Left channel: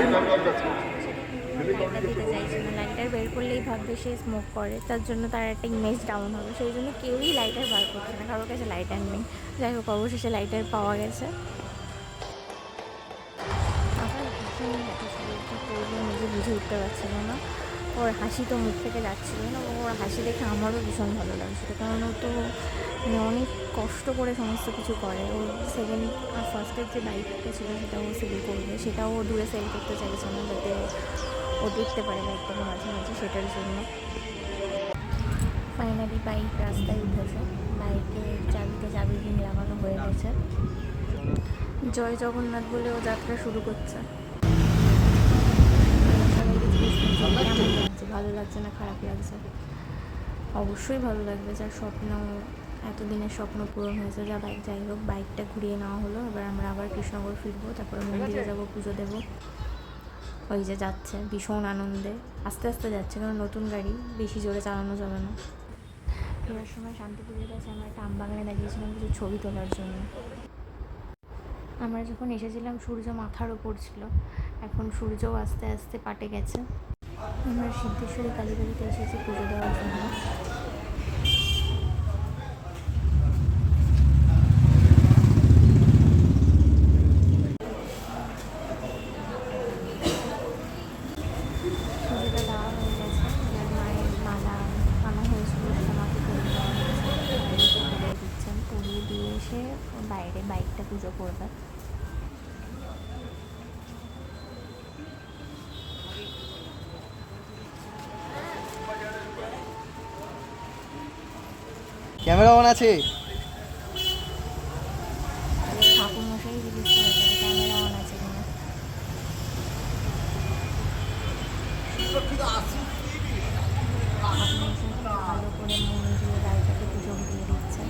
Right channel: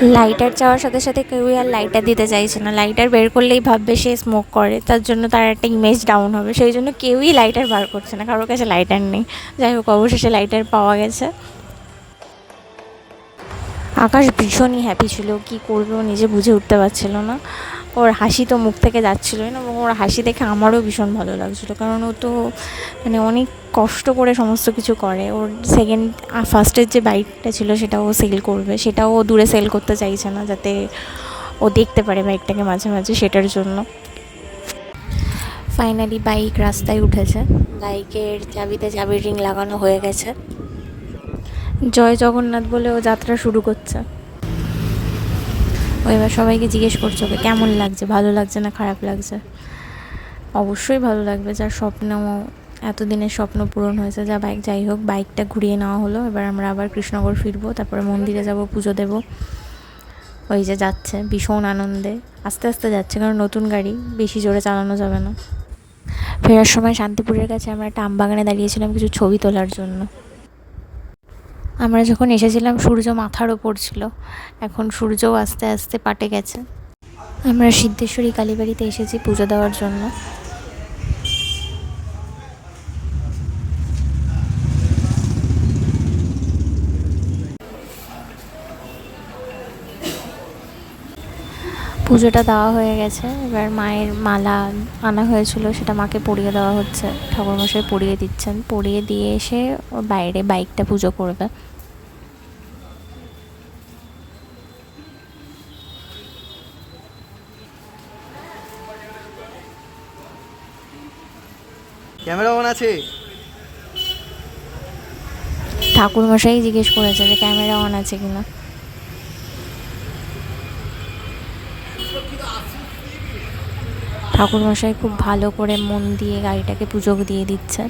Lighter চাওয়ার সাথে সাথে কেউই আর লাইটার দিতে চাইছে না। লাইটার বের করলেই ভাববে সে স্মোক করে, তার জন্য তার একটা ইমেজ ডাউন হবে, সেই জন্য কেউই লাইটার বার করছে না, কারোর কাছে লাইটার নেই। যাই হোক, অবশেষে লাইটার পাওয়া গেছে। আকাশ ভীষণই হ্যাপি ছিল, কি করবে ও নিজে বুঝে উঠতে পারছিল না। ওর হাসি তো মুখ থেকে যাচ্ছিলোই না, এবং ওর হাসি দেখে আমারও ভীষণ ভালো লাগছিলো, কারণ ও তো মানে অনেক কষ্ট করে সমস্ত কিছু করে। ওর ফার্স্টের যে বাইকটা ছিল সেটাও ও সেল করবে, সেটাও ও দূরে সেল করতে চাইছে না, যাতে ও দেখতে পারে বাইকটাকে মাঝে মাঝে, সেটার জন্য। ফাইনালি বাইক রাস্তায় উঠেছে, বাইকের চাবিতে চাবির রিং লাগানো হয়ে গেছে। জয় জগন্নাথ বলে ও যাত্রা শুরু করছে। ও এবার সবাইকে জিজ্ঞেস করছে ওকে কেমন লাগছে, ভালো লাগছে না খারাপ লাগছে। অবশ্যই ভালো লাগবে, যার স্বপ্ন, এতদিনের স্বপ্ন পূরণ হয়েছে। যাই হোক, বাইকটা ঘুরিয়ে নেওয়া হলো। এবার আমরা আবার কৃষ্ণনগর ফিরবো, তারপরে মন্দিরে যাব, পুজো দেব। ওই যে যাচ্ছে ভীষণ আনন্দে, আস্তে আস্তে যাচ্ছে, কারণ নতুন গাড়ি, বেশি জোরে চালানো যাবে না। ফেরার সময় শান্তিপুরের কাছে আমরা একটা আমবাগানে দাঁড়িয়েছিলাম কিছু ছবি তোলার জন্য। আমরা যখন এসেছিলাম সূর্য মাথার ওপর ছিল, এখন সূর্যও আস্তে আস্তে পাটে গেছে। আমরা সিদ্ধেশ্বরী কালীবাড়িতে এসেছি পুজো দেওয়ার জন্য। পুজোটা দেওয়া হয়ে গেছে, এবার মায়ের মালা আনা হয়েছিল, সেটা মাকে পরিয়ে দেওয়া হচ্ছে। ঠাকুরমশাই পরিয়ে দিচ্ছেন, পরিয়ে দিয়ে এসে ওর বাইরে বাইকটা পুজো করবে। ক্যামেরা অন আছে? ঠাকুরমশাই জিজ্ঞেস করেছে যে ক্যামেরা অন আছে কিনা। ঠাকুরমশাই খুব ভালো করে মন দিয়ে গাড়িটাকে পুজো দিয়ে দিচ্ছে।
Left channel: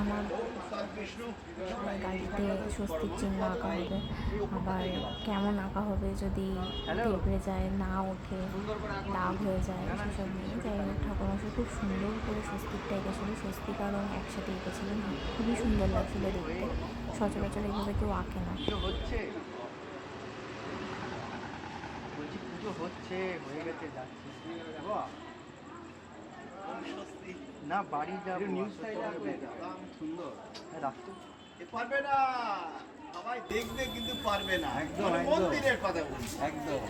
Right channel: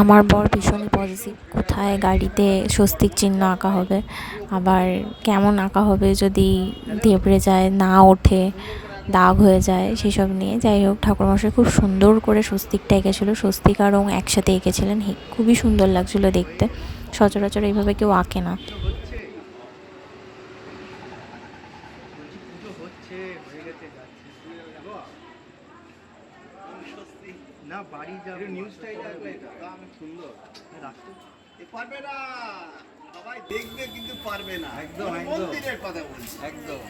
আমার বর ভীষণই পজিটিভ, কোথায় গাড়িতে স্বস্তিক চিহ্ন আঁকা হবে, আবার কেমন আঁকা হবে যদি দেবড়ে যায়, না ওঠে, দাগ হয়ে যায়, সেসব নিয়ে। যাই হোক, ঠাকুরমশাই খুব সুন্দর করে স্বস্তিকটা এঁকেছিল, স্বস্তিক আর রং একসাথে এঁকেছিলেন, খুবই সুন্দর লাগছিল দেখতে। সচরাচর এইভাবে কেউ আঁকে না। না বাড়ি যাবো, নিউজটাই রাখবে, আমি সুন্দর রাখতে পারবে না, সবাই দেখবে কিন্তু পারবে না। একদম মন্দিরের কথা বলছি, একদম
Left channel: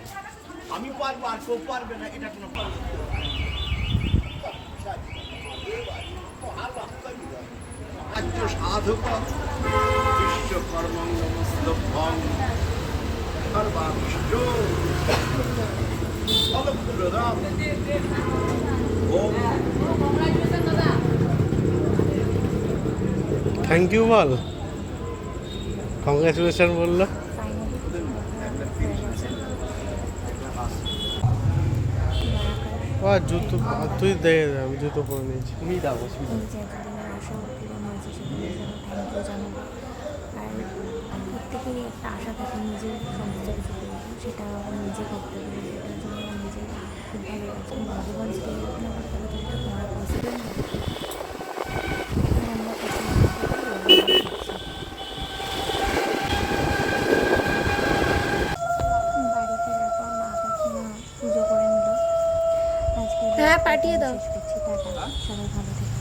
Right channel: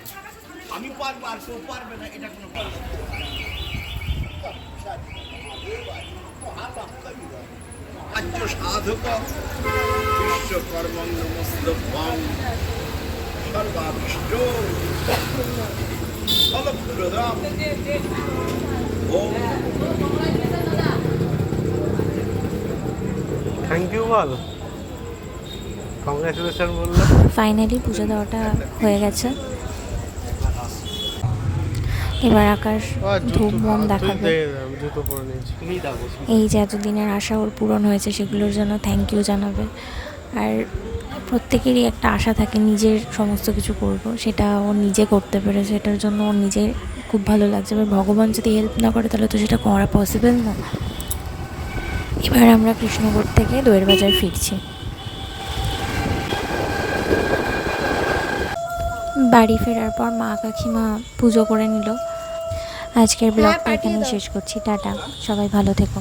আমি পারবো আর কেউ পারবে না, এটা কোনো সাধক বিশ্বকর্মণ্য মুস্তফাং সর্বাভীষ্ট ফলপ্রদাম ওম। থ্যাংক ইউ বল, কংগ্রেচুলেশন বললো। ফাইনালি পুজো দেওয়াটা হয়ে গেছে, এবার আকাশ ধূপ মন দেখাবে। এই যে এতদিনের আশা ওর পূরণ হয়েছে, সেগুলোর জন্য থ্যাংক ইউ জানাবে। আর প্রত্যেকেরই একটা আশা থাকে নিজের সমস্ত কিছু করব, সেটা ও নিজে করতে পেরে, সেটার জন্য ওর নিজের খুব ভালো লাগছে। এবার ভগবান যদি হেল্প না করে তাহলে তো সেটা করা পসিবল না। এবার আমরা কৃষ্ণনগর থেকে দইয়ের বাজার ফিরছি। বাড়ি ফেরার পর মা কাকিমা পুজো করে নিল। আজকের ব্লগটা এখানে শেষ করছি, টাটা, সবাই ভালো থেকো।